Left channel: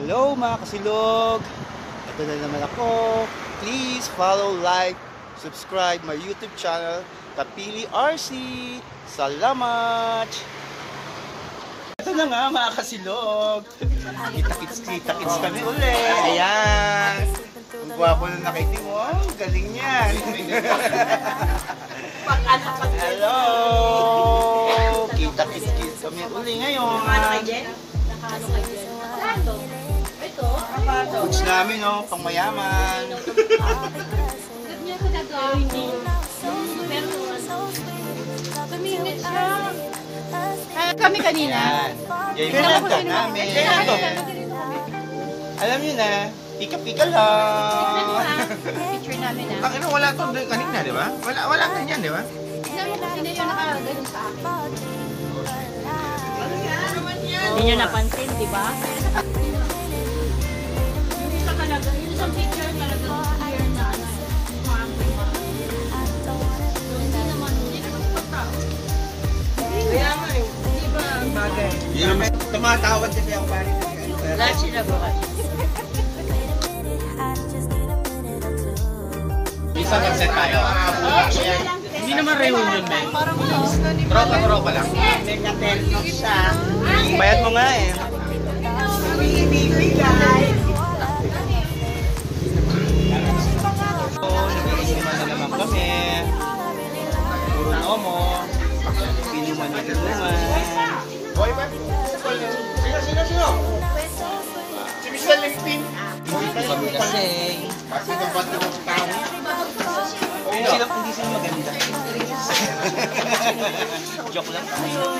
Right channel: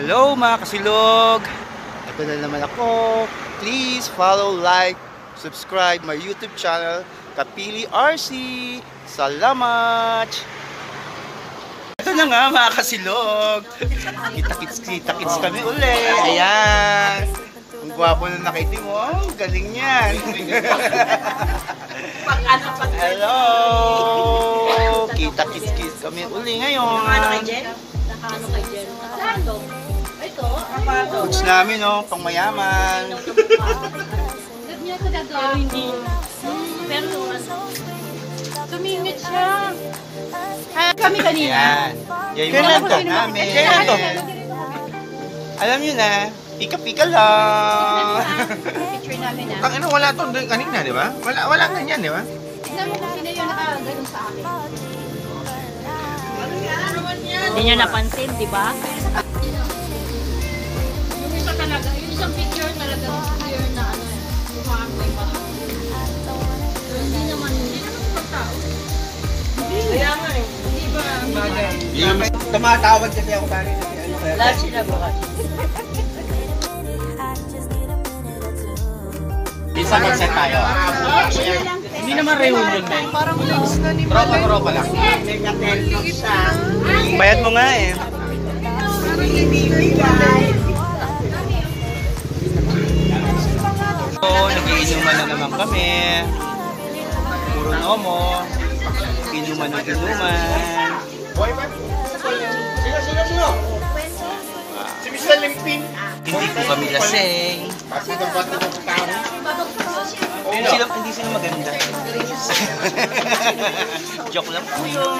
Hello mga kasilog! Ito na naman ako. Please follow, like, subscribe my YouTube channel, Kapili RC. Salamat! Ito na nga mga kasilog. Kita-kits kami ulit. Ayan. Ang gwapo na nakaitim mo. Oh, galing yan. Hello! Kita-kits kami ulit ngayon. Foods namin, oh, pang mayaman. Kami kanina. Yan yung nagdag namin. Alam nyo na, pika-pika lang. Picture namin na. Ano, wala ito kanina, di ba? Wala ganyan, di ba? Tignan mo kung sino yung nakaganong sa akin. Hindi nyo napansin, di ba? Yung isang picture talaga clear na kaya nga eh. Di ba ang bagay? Tumatawad kasi ako bagay. Lahat sila bukas. Isa mag-set tayo. Hindi naman reunion na eh. Parang malinis na ni Tropa lang. Bayad mo nga eh. Oo, nagiinuman na naman kami. Puro mo. Inuman na inuman. Sino? Si Mr. Limping. Hindi ko kami lasing. Hindi sila maganda. Joke lang po yun.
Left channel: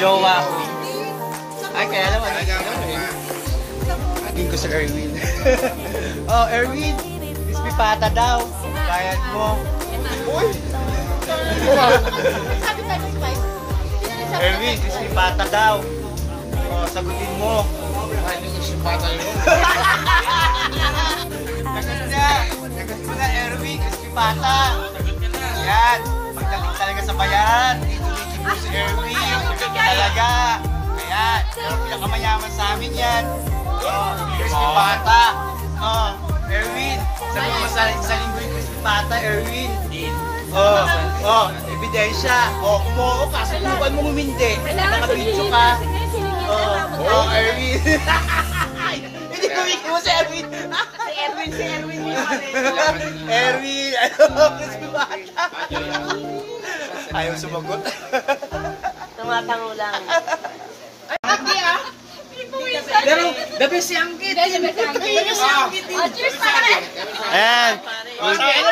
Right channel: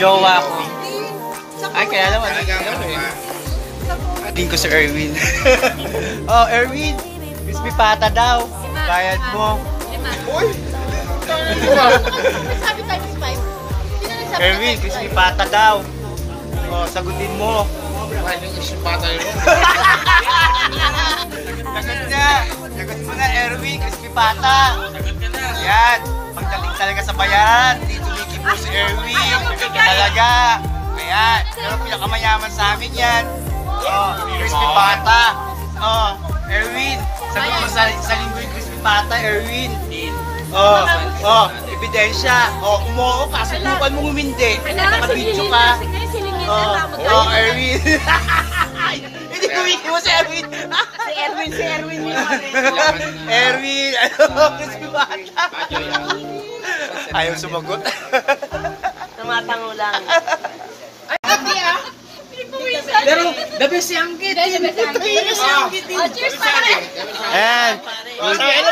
Jowa ko. Ay, kaya naman. Tingin ko si Erwin. Oh, Erwin. Crispy pata daw. Bayad mo. Uy! Sabi tayo ng spice. Erwin, crispy pata daw. Oh, sagutin mo. Ano yung simpata yun? Sagot na. Sagot mo na, Erwin. Crispy pata. Yan. Pagdating talaga sa bayan. Dito po si Erwin. Talaga. Ayan. Pero pinakamayaman sa amin yan. Oh, crispy pata. Oh, Erwin. Sagot mo sa linggo yung crispy pata, Erwin. Oh, ebidensya. Oh, kumuha ka. Subukan mo humindi. Kailangan Nakabidyo ka. silingin na. Oh, Erwin. Hindi tumiki mo si Erwin. Si Erwin yun. Erwin, ano? Crispy pata. Ayaw sumagot. Tumatango lang. Pero, the best yung kid. Cheers pa ka rin. And, cheers!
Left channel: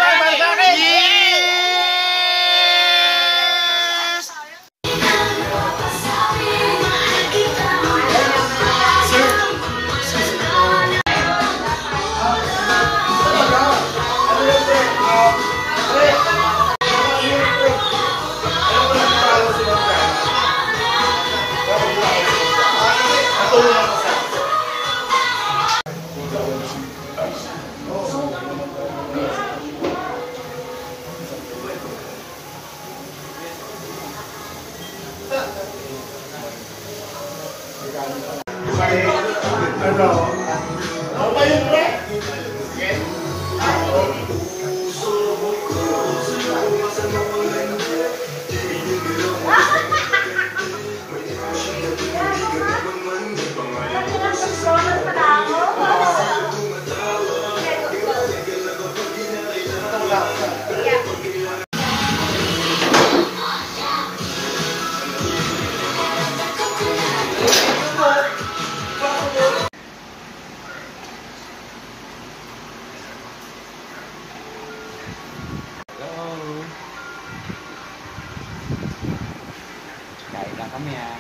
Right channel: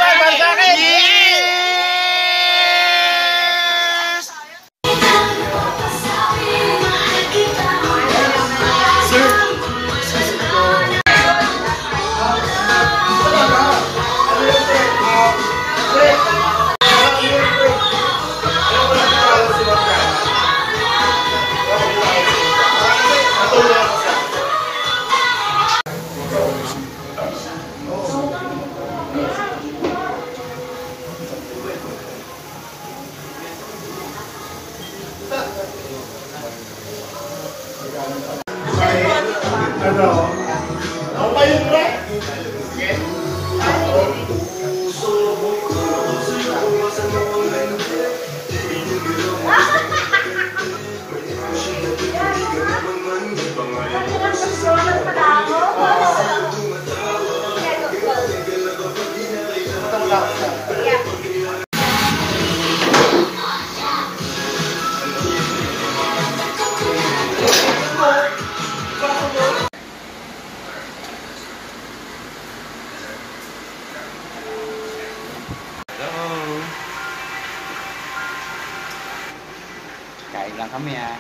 Kain lang kami ah.